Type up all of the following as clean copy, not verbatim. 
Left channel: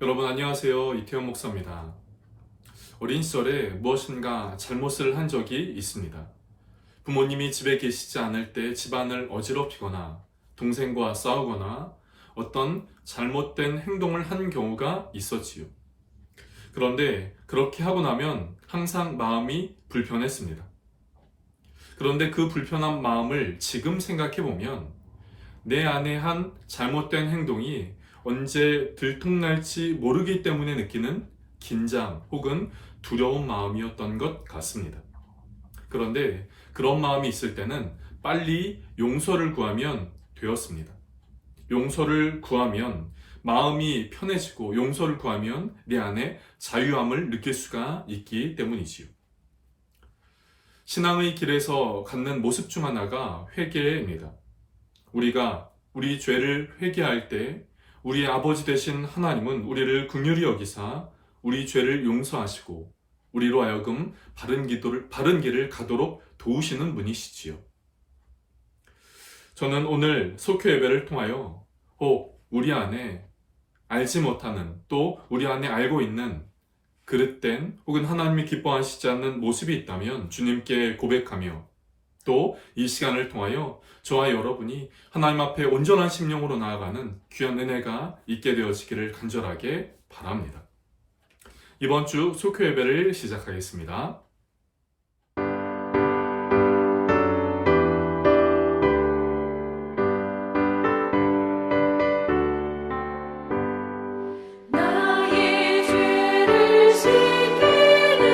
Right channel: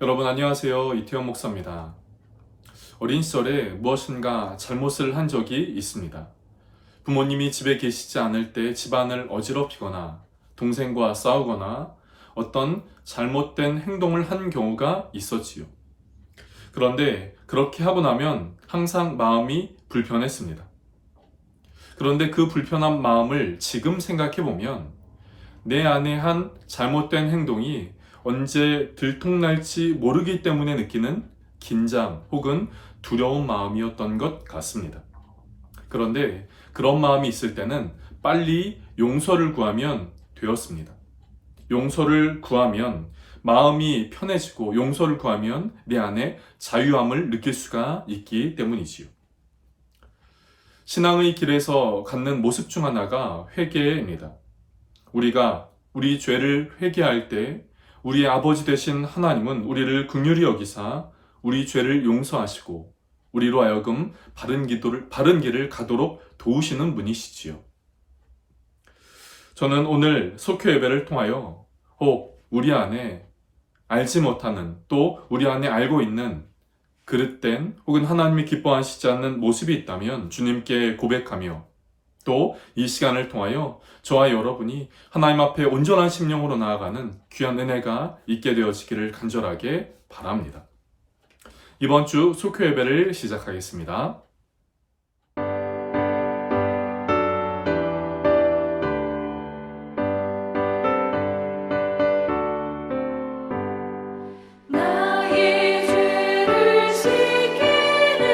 여러분 안녕하세요. 이태원 목사입니다. 어린 시절에 무엇인가 잘못을 한 적이 있습니다. 부모님이 집에 계시지 않을 때 집안을 어지럽히거나 동생과 싸우거나 어떤 잘못된 행동을 한 경우가 있었지요. 그런데 그렇게 하고 나면 항상 마음이 불편했습니다. 그런데 그 불편한 마음을 지금 생각해 보면 내 안에 한 잘못된 행동이 언제 들통날지 모르기 때문에 느끼는 긴장 혹은 두려운 마음이었던 것 같습니다. 그런데 그런 마음이 있을 때는 빨리 용서를 구하면 되었습니다. 용서를 구하면 마음이 편해지고 용서를 구하면 내 안에 자유함을 느낄 수가 있기 때문이지요. 신앙의 길에서 갖는 모습 중 하나가 회개입니다. 우리가 우리 죄를 회개할 때 우리 아버지 되신 하나님은 우리를 긍휼히 여기사 우리 죄를 용서하시고 우리로 하여금 바른 길을 가도록 도우시는 분이시지요. 저는 오늘 속회 예배를 통하여 혹 우리 안에 알지 못하는 또 우리 안에 알고 있는 그릇된 혹은 하나님이 기뻐하시지 않는 모습이 있다면 주님께 고백하며 또 이 시간을 통하여 저와 여러분이 하나님 앞에 온전한 심령으로 나아가는 귀한 은혜가 있게 되어지기를 간절하게 바랍니다. 이번 주 속회 예배를 시작하겠습니다. 나의 죄를 씻기는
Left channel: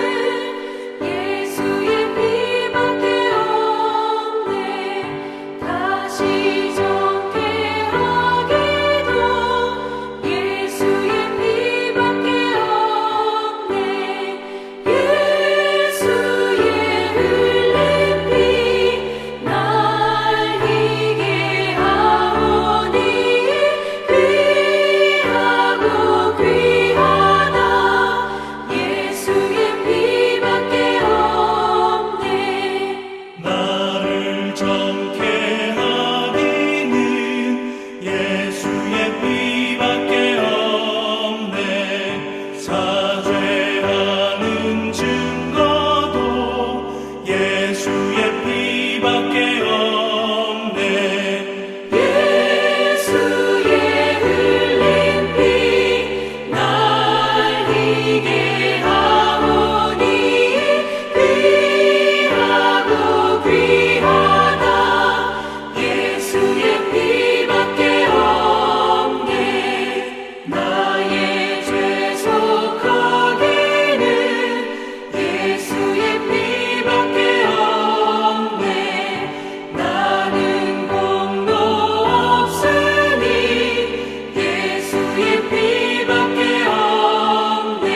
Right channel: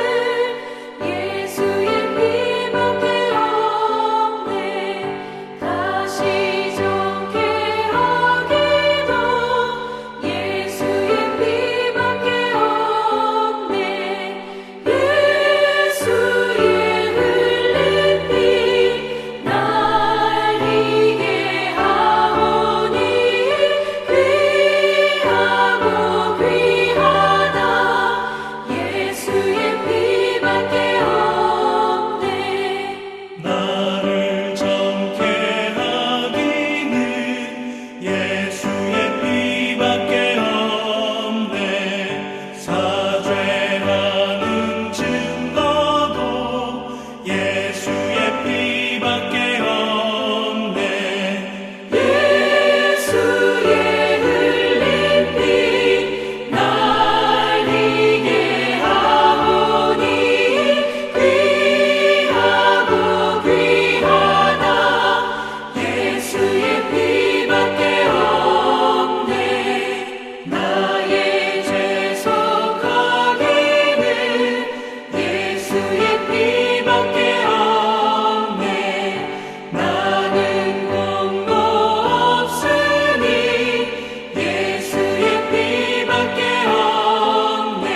예수의 피밖에 없네. 다시 정케하기도 예수의 피밖에 없네. 예수의 흘린 피 날 이게 하오니 귀하고 귀하다. 예수의 피밖에 없네. 나를 정케 하기는 예수의 피밖에 없네. 사죄하는 증거도 예수의 피밖에 없네. 예수의 흘린 피 날 이게 하오니 귀하고 귀하다. 예수의 피밖에 없네. 나의 죄 속하기는 예수의 피밖에 없네. 나는 공로 없으니 예수의 피밖에 없네.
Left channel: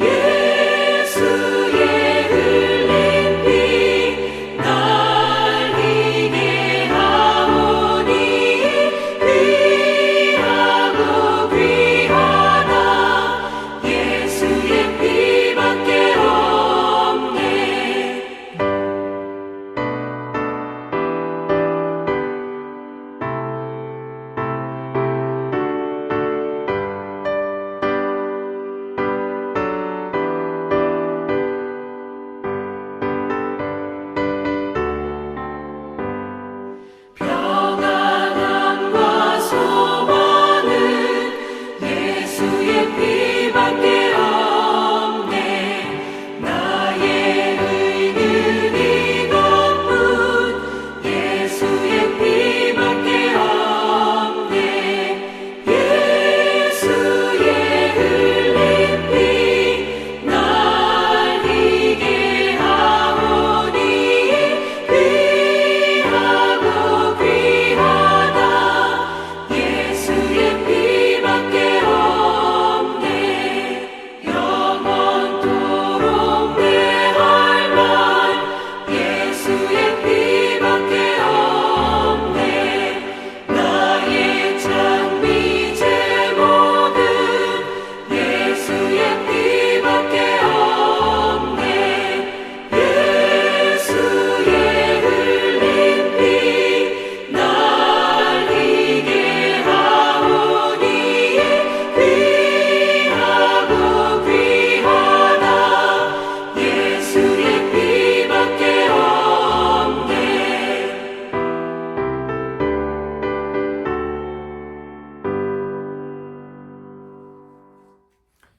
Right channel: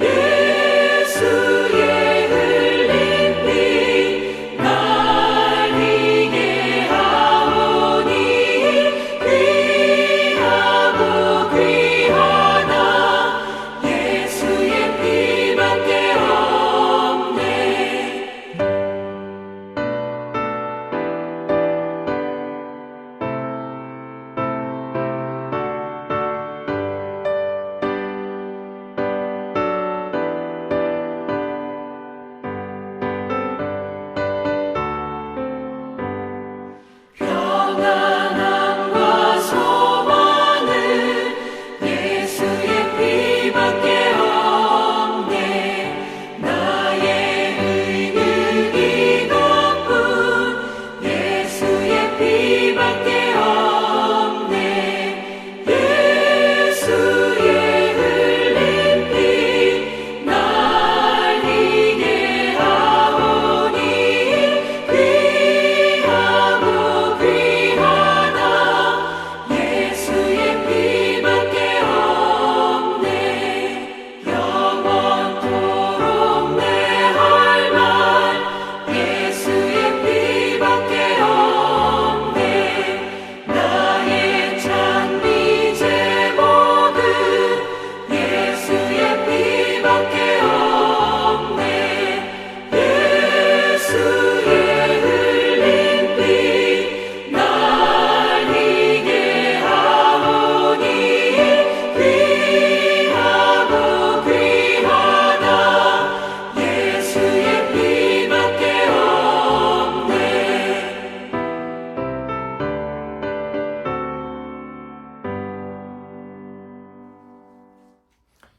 예수의 흘린 피 날 이게 하오니 귀하고 귀하다. 예수의 피밖에 없네.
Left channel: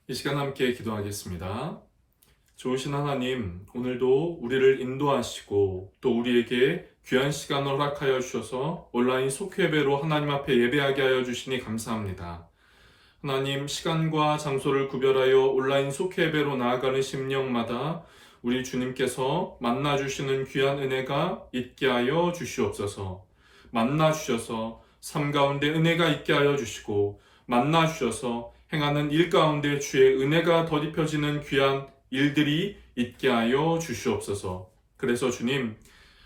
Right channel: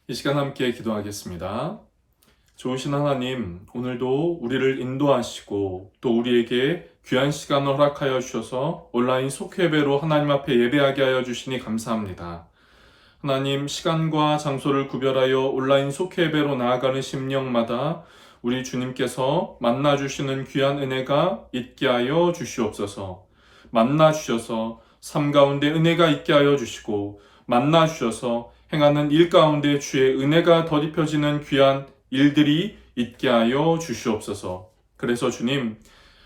이 시간 함께 기도하겠습니다. 좋으신 하나님, 오늘도 우리를 인도하시고 또 우리에게 귀한 시간을 허락하여 주셔서 온라인 속회배로 하나님 앞에 예배하게 하여 주시니 감사합니다. 하나님, 시간과 장소를 구별하여 온라인 속회배로 나아가는 심령마다 우리 주님께서 만나주시는 귀한 은혜가 있게 하여 주시옵소서. 만나주셔서 삶 가운데 은혜가 있게 하여 주시고 만나주셔서 행하는 일 가운데 주의 은혜가 덧입혀지는 귀한 일들이 있게 하여 주시옵소서. 그래서 주님,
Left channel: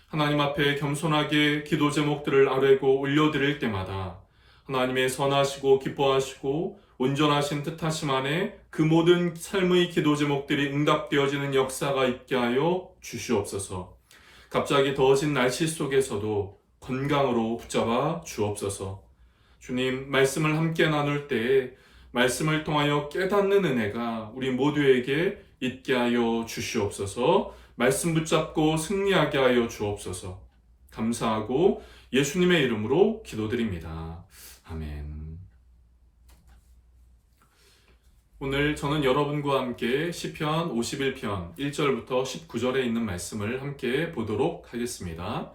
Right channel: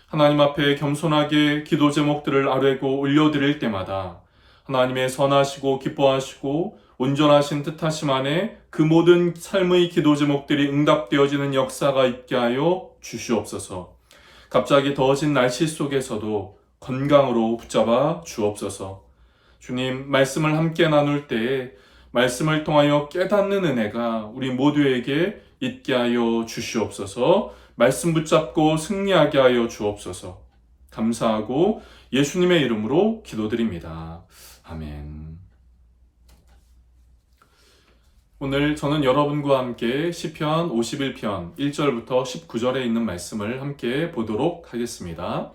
하나님 앞에 겸손하게 기도 제목들을 아뢰고 올려드릴 때마다 하나님의 선하시고 기뻐하시고 온전하신 뜻하심 안에 그 모든 삶의 기도 제목들이 응답되어지는 역사가 있게 하여 주시옵소서. 갑자기 더워진 날씨 속에서도 건강으로 붙잡아 주옵소서. 주님, 말씀을 함께 나눌 때에 말씀을 통하여 깨닫는 은혜가 우리 모두에게 있게 하여 주시옵소서. 말씀 붙잡고 승리하게 하여 주옵소서. 감사하고 예수님의 이름으로 기도드립니다. 아멘. 오늘 저는 여러분과 함께 시편 51편 1절부터 19절에 있는 말씀을 함께 보도록 하겠습니다.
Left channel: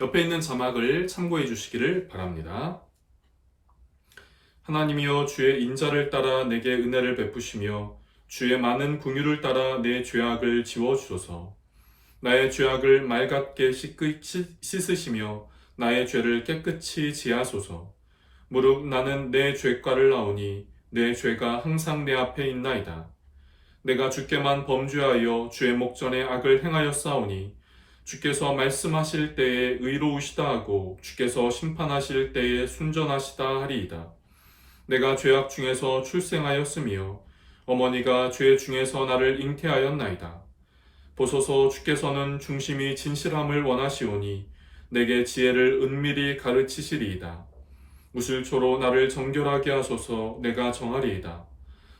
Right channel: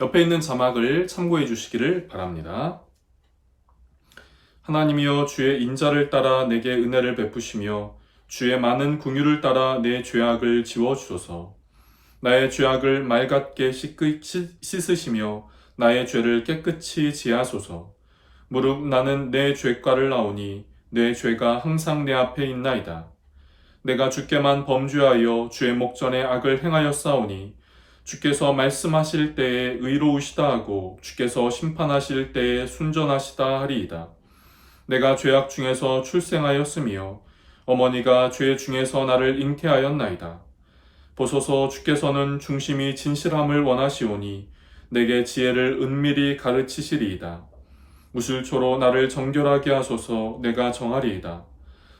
옆에 있는 자막을 참고해 주시기를 바랍니다. 하나님이여, 주의 인자를 따라 내게 은혜를 베푸시며 주의 많은 긍휼을 따라 내 죄악을 지워주소서. 나의 죄악을 맑게 씻으시며 나의 죄를 깨끗이 지하소서. 무릇 나는 내 죄가를 나오니 내 죄가 항상 내 앞에 있나이다. 내가 주께만 범죄하여 주의 목전에 악을 행하였사오니 주께서 말씀하실 때에 의로우시다 하고 주께서 심판하실 때에 순전하시다 하리이다. 내가 죄악 중에서 출생하였으며 어머니가 죄 중에서 나를 잉태하였나이다. 보소서, 주께서는 중심이 진실함을 원하시오니 내게 지혜를 은밀히 가르치시리이다. 무술초로 나를 정결하게 하소서. 내가 정하리이다.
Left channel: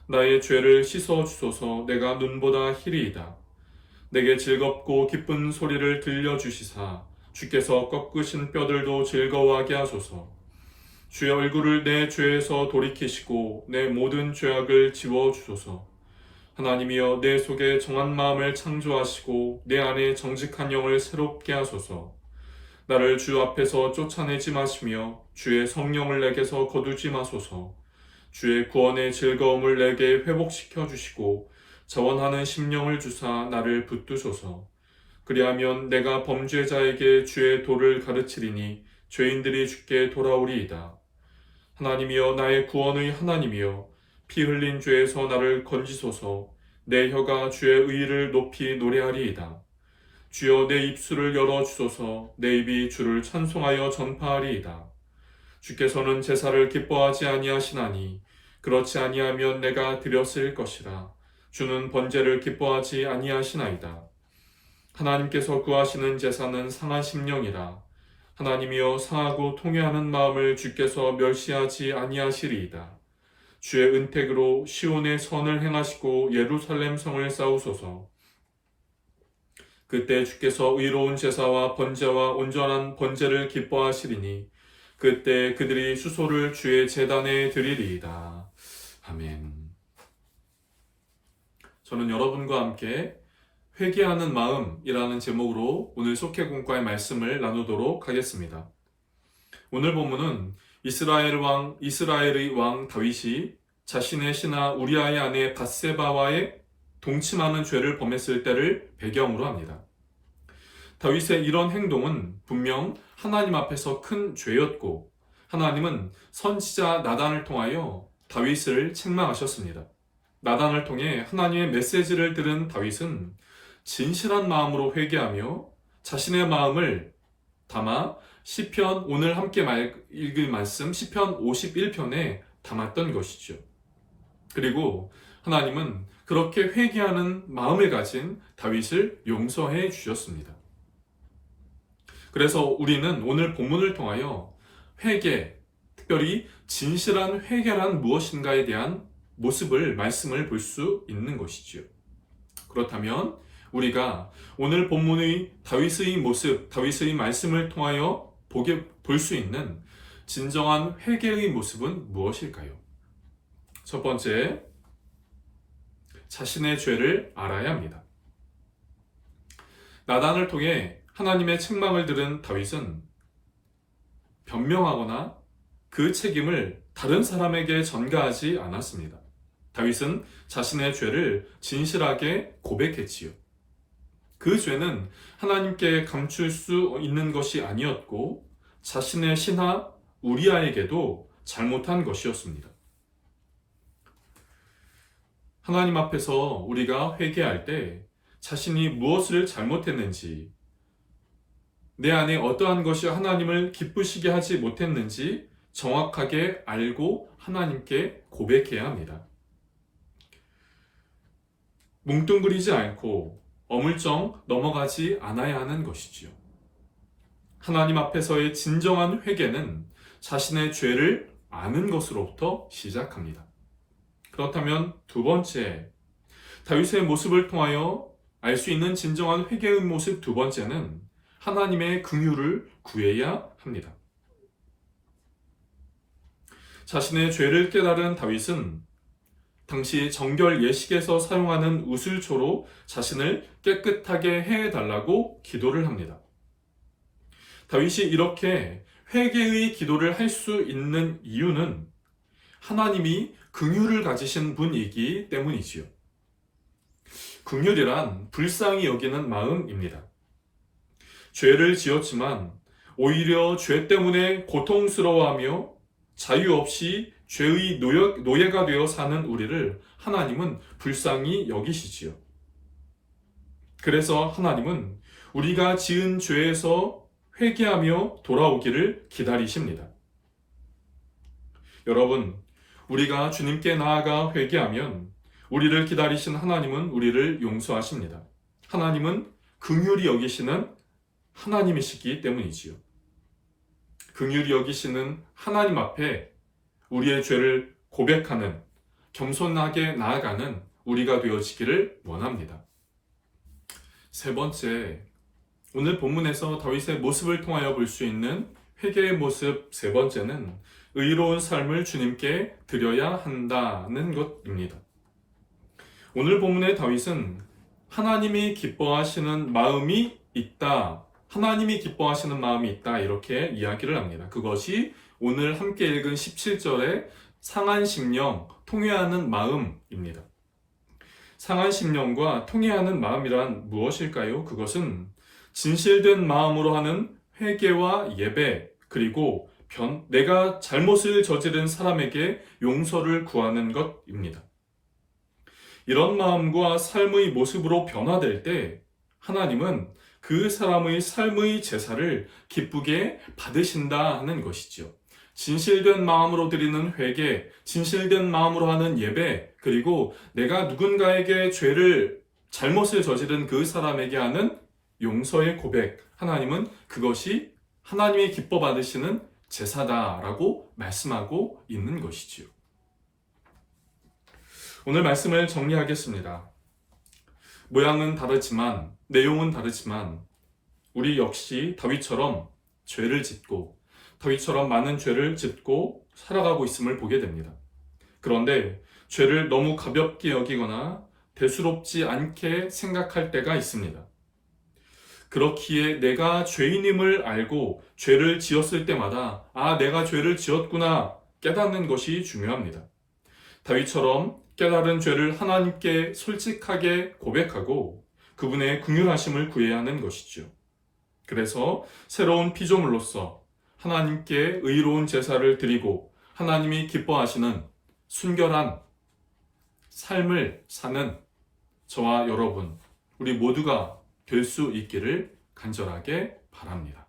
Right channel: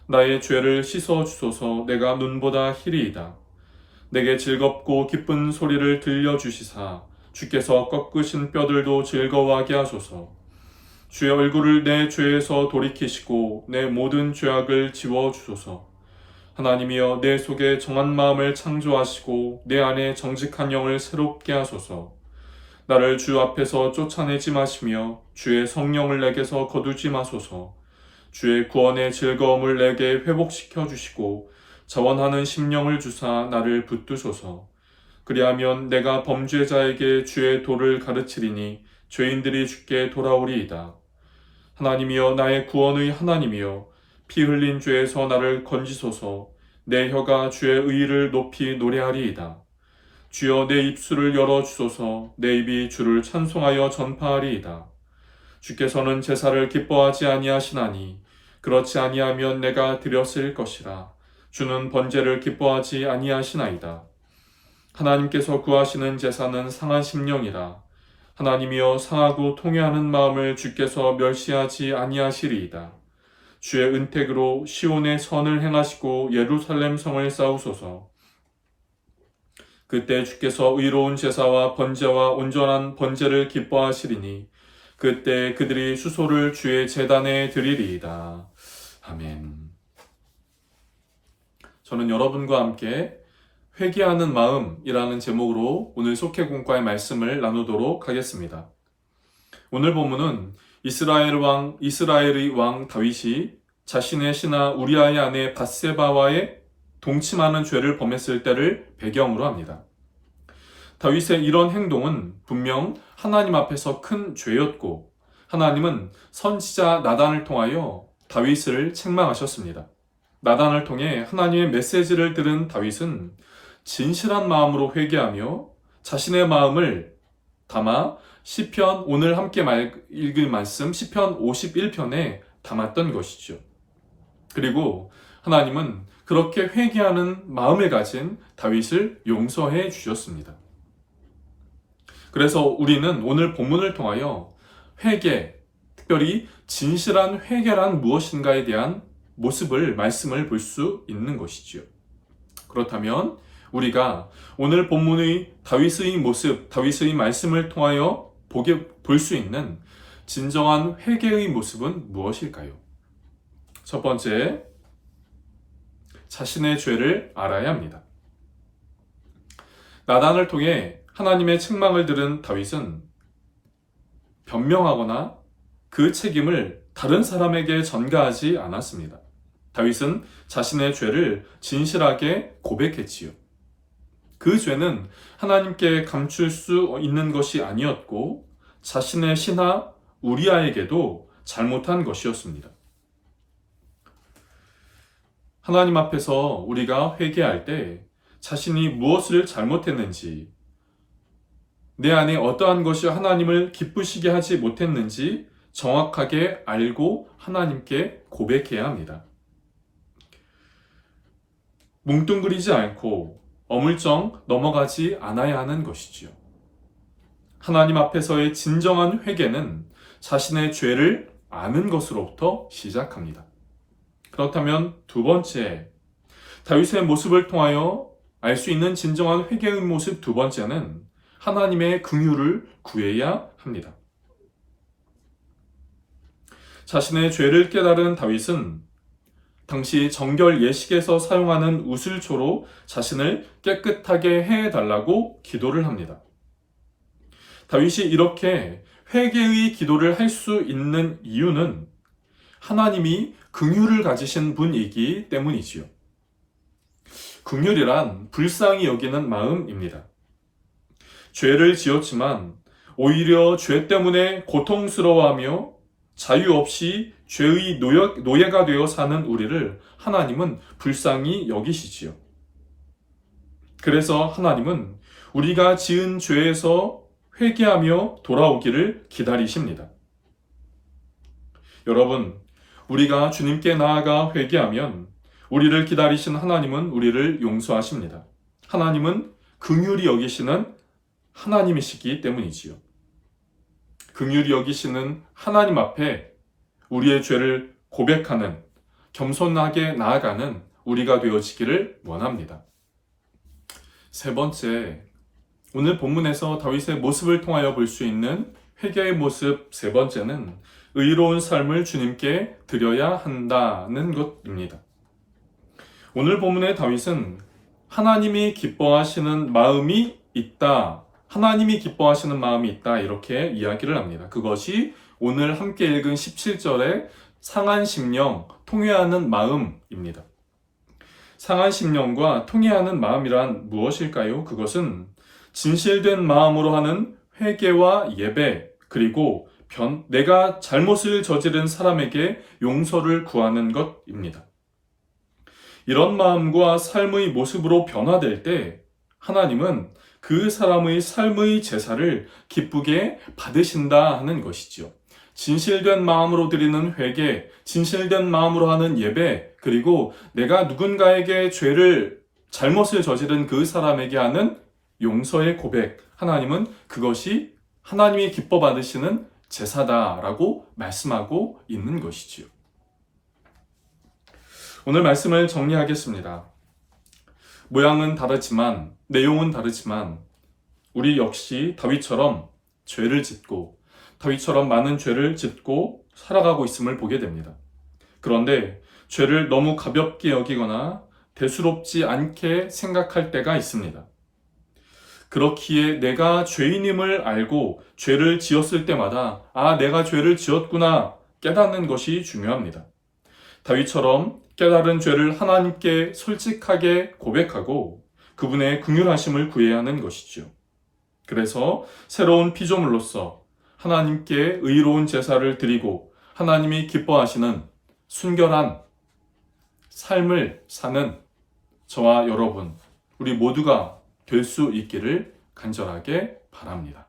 나의 죄를 씻어 주소서. 내가 눈보다 희리이다. 내게 즐겁고 기쁜 소리를 들려주시사 주께서 꺾으신 뼈들도 즐거워하게 하소서. 주의 얼굴을 내 죄에서 돌이키시고 내 모든 죄악을 지워주소서. 하나님이여, 내 속에 정한 마음을 창조하시고 내 안에 정직한 영을 새롭게 하소서. 나를 주 앞에서 쫓아내지 마시며 주의 성령을 내게서 거두지 마소서. 주의 구원의 즐거움을 내게 회복시켜 주시고 자원하는 심령을 주사 나를 붙드소서. 그리하면 내가 범죄자에게 주의 도를 가르치리니 죄인들이 주께 돌아오리이다. 하나님이여, 나의 구원의 하나님이여, 피 흘린 죄에서 나를 건지소서. 내 혀가 주의 의를 높이 노래하리이다. 주여, 내 입술을 열어주소서. 내 입이 주를 찬송하여 전파하리이다. 주께서는 제사를 기뻐하지 아니하시나니 그렇지 아니하면 내가 드렸을 것이라. 주는 번제를 기뻐하지 아니하시나이다. 하나님께서 구하시는 제사는 상한 심령이라. 하나님이여, 상하고 통회하는 마음을 주께서 멸시하지 아니하시리이다. 주의 은택으로 시온의 선을 행하시고 예루살렘 성을 쌓으소서. 그때 주께서 의로운 제사와 번제와 온전한 번제를 기뻐하시리니 그때 그들이 수소를 주의 제단에 드리리이다. 아멘. 저는 여러분과 함께 회개하는 마음이라는 제목으로 오늘 속회공과의 말씀을 나누도록 하겠습니다. 오늘 본문은 이스라엘의 왕 다윗이 자신의 신하 우리아의 아내 밧세바와의 동침하는 죄를 범했을 때를 배경으로 합니다. 다윗의 이런 행동은 분명 하나님 앞에서 큰 죄였고 하나님은 선지자 나단을 통하여 다윗을 책망하셨습니다. 나단을 통해 하나님의 메시지를 들은 다윗은 진실한 마음으로 회개하며 자신의 마음을 담아 시편, 오늘 함께 읽을 말씀 시편 51편에 담았던 것이죠. 그리고 하나님은 그렇게 회개하는 마음을 가진 다윗을 용서해 주셨습니다. 그래서 우리는 오늘 본문을 통하여 회개, 특별히 진실한 회개란 무엇인가에 대한 말씀을 볼 수 있는 것이지요. 그렇다면 우리가 오늘 본문의 다윗의 모습, 다윗의 말씀을 통하여 볼 수 있는 진정한 회개의 모습은 무엇일까요? 첫 번째, 자신의 죄를 알아야 합니다. 나단을 통해 하나님의 책망을 들은 다윗은 변명하거나 그 책임을 다른 사람에게 전가하지 않았습니다. 다윗은 자신의 죄를 진실하게 고백했지요. 그 죄는 하나님께 감출 수 있는 것이 아니었고 자신의 신하 우리아에게도 잘못한 것이었습니다. 하나님 앞에서 우리가 회개할 때 자신이 무엇을 잘못했는지, 내 안에 어떠한 것이 하나님을 기쁘시게 하지 못했는지 정확하게 알고 하나님께 고백해야 합니다. 뭉뚱그리지 않고 어물쩡 넘어가지 않아야 하는 것이지요. 하나님 앞에서의 진정한 회개는 자신의 죄를 아는 것으로부터 시작합니다. 그렇다면 두 번째, 다윗의 모습을 통하여 알 수 있는 진정한 회개의 모습 두 번째는 하나님의 긍휼을 구해야 합니다. 자신의 죄를 깨달은 다윗은 당시 정결 예식에서 사용하는 우슬초로 자신을 깨끗하게 해달라고 기도를 합니다. 다윗이 이렇게 회개의 기도를 할 수 있는 이유는 하나님이 긍휼을 가지신 분이기 때문이지요. 긍휼이란 불쌍히 여기는 마음입니다. 죄를 지었지만 오히려 죄 때문에 고통스러워하며 자유 없이 죄의 노예가 되어 사는 우리를 하나님은 불쌍히 여기시지요. 그래서 하나님은 우리가 지은 죄에서 회개하며 돌아오기를 기다리십니다. 여러분, 우리가 주님께 나아가 회개하면 우리를 기다리신 하나님은 우리를 용서하십니다. 하나님은 긍휼히 여기시는 하나님이시기 때문이지요. 긍휼히 여기시는 하나님 앞에 우리의 죄를 고백하는, 겸손하게 나아가는 우리가 되어지기를 원합니다. 세 번째, 오늘 본문에서 다윗의 모습을 통하여 볼 수 있는 회개의 모습 세 번째는 의로운 삶을 주님께 드려야 한다는 것입니다. 오늘 본문의 다윗은 하나님이 기뻐하시는 마음이 있다, 하나님이 기뻐하시는 마음이 있다 이렇게 이야기를 합니다. 그것이 오늘 함께 읽은 17절의 상한 심령, 통회하는 마음입니다. 상한 심령과 통회하는 마음이란 무엇일까요? 그것은 진실된 마음으로 하는 회개와 예배, 그리고 내가 잘못을 저지른 사람에게 용서를 구하는 것입니다. 이런 마음과 삶의 모습으로 변화될 때 하나님은 그 사람의 삶의 제사를 기쁘게 받으신다 하는 것이죠. 진실된 마음으로 드리는 회개, 진실된 마음으로 하는 예배, 그리고 내가 누군가에게 잘못을 저지른 그 사람에게 하는 용서의 고백, 하나님은 그것이 하나님이 기뻐 받으시는 제사다라고 말씀하고 있는 것이지요. 오늘 말씀을 정리하겠습니다. 모양은 다르지만, 내용은 다르지만 우리 역시 다윗처럼 죄를 짓고 다윗처럼 많은 죄를 짓고 살아가고 있음을 보게 됩니다. 그런데 죄를 너무 가볍게 여기거나 대수롭지 않게 생각할 때가 있습니다. 그렇기에 내가 죄인임을 알고 죄를 지었을 때마다 내가 죄를 지었구나 깨닫는 것이 중요합니다. 다윗처럼 깨달은 죄를 하나님께 솔직하게 고백하고 그분의 긍휼하심을 구해야 하는 것이죠. 그래서 새로운 피조물로서 하나님께 의로운 제사를 드리고 하나님이 기뻐하시는 순결한 삶을 사는 저와 여러분, 우리 모두가 될 수 있기를 간절하게 바랍니다.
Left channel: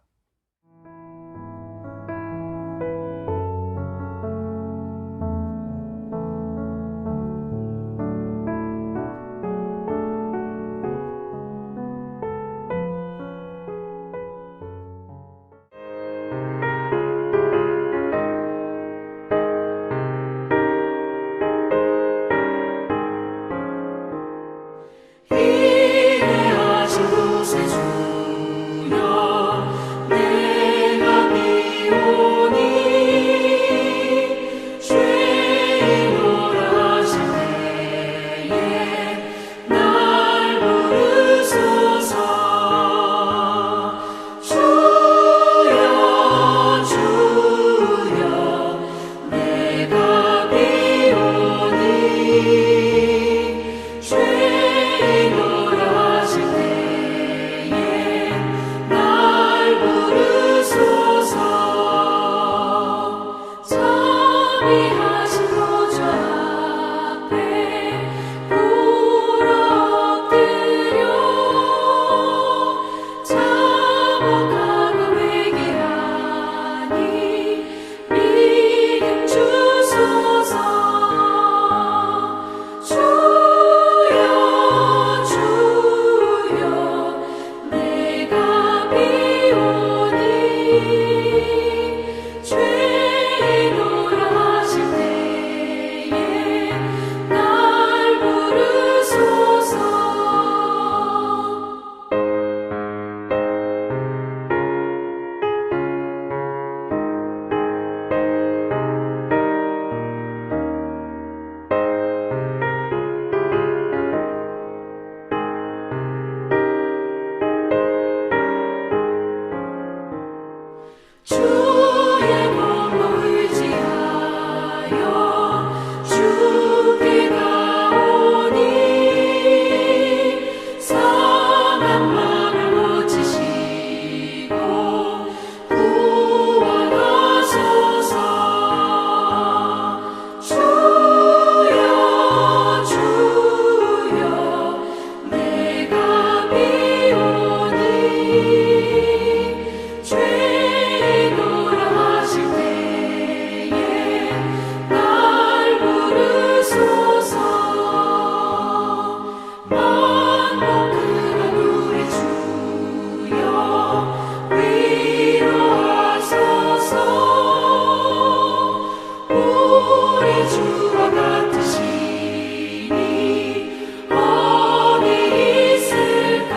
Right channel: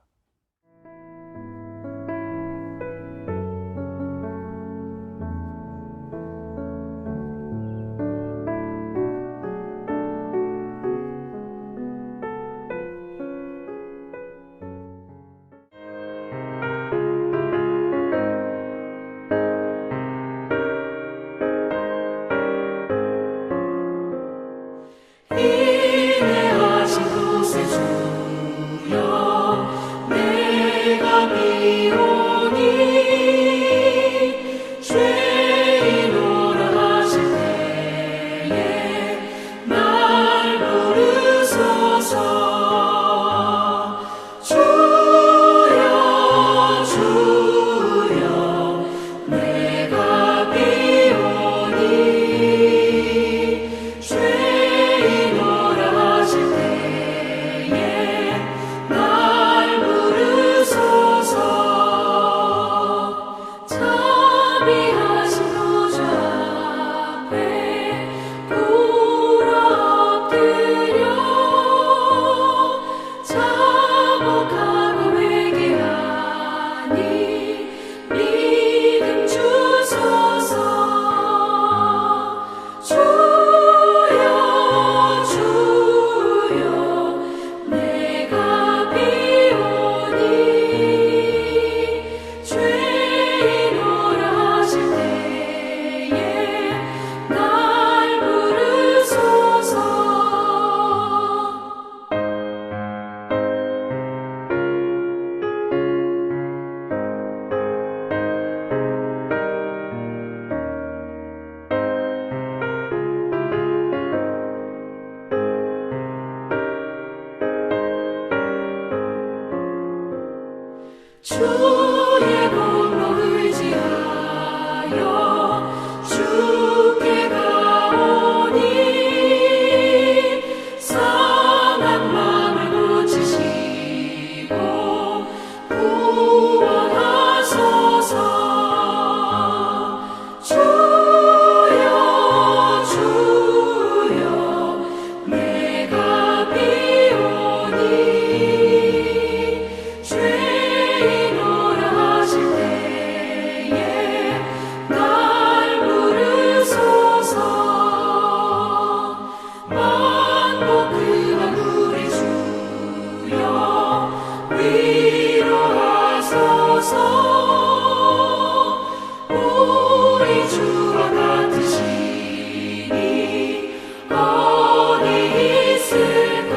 인내하신 곳에 주여 주의 공로 의지하여 주께 가오니 상한 마음을 고치시고 구원하소서. 주여 주여 내가 비오니 죄인오라 하실 때에 날 부르소서. 만복 그만 우리 주여 위로하소서. 우리 주와 같으시니 어디 있을까.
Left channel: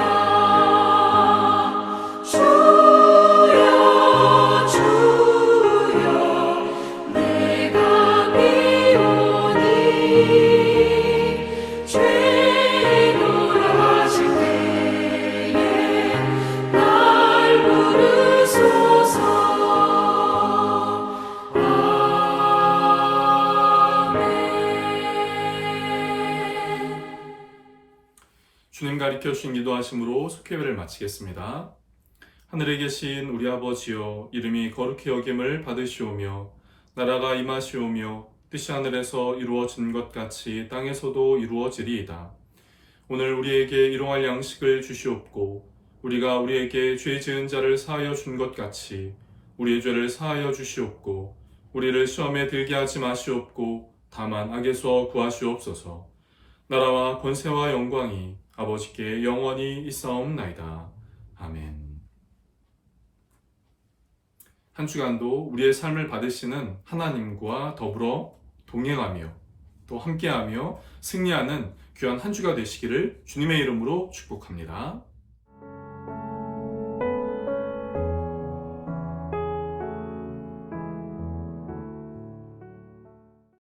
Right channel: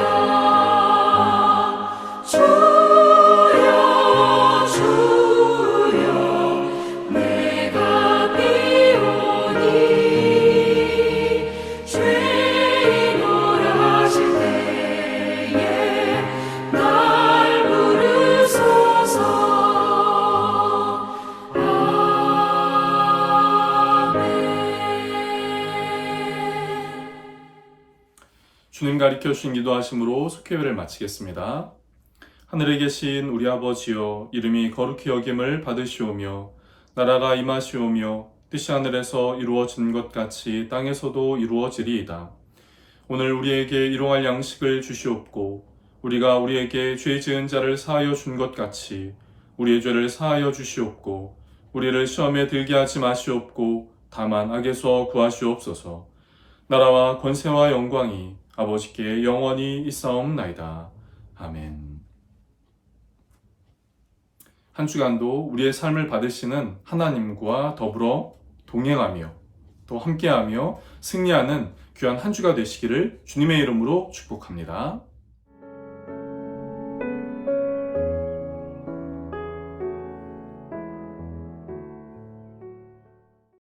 주여 주여 내가 비오니 죄인오라 하실 때에 날 부르소서. 아멘. 주님 가르쳐 주신 기도하심으로 속회를 마치겠습니다. 하늘에 계신 우리 아버지여, 이름이 거룩히 여김을 받으시오며 나라가 임하시오며 뜻이 하늘에서 이루어진 것 같이 땅에서도 이루어지리이다. 오늘 우리에게 일용할 양식을 주시옵고 우리가 우리에게 죄 지은 자를 사하여 준 것 같이 우리의 죄를 사하여 주시옵고 우리를 시험에 들게 하지 마시옵고 다만 악에서 구하시옵소서. 나라와 권세와 영광이 아버지께 영원히 있사옵나이다. 아멘. 한 주간도 우리의 삶을 받으시는 하나님과 더불어 동행하며 또 함께하며 승리하는 귀한 한 주가 되시기를 주님의 이름으로 축복합니다.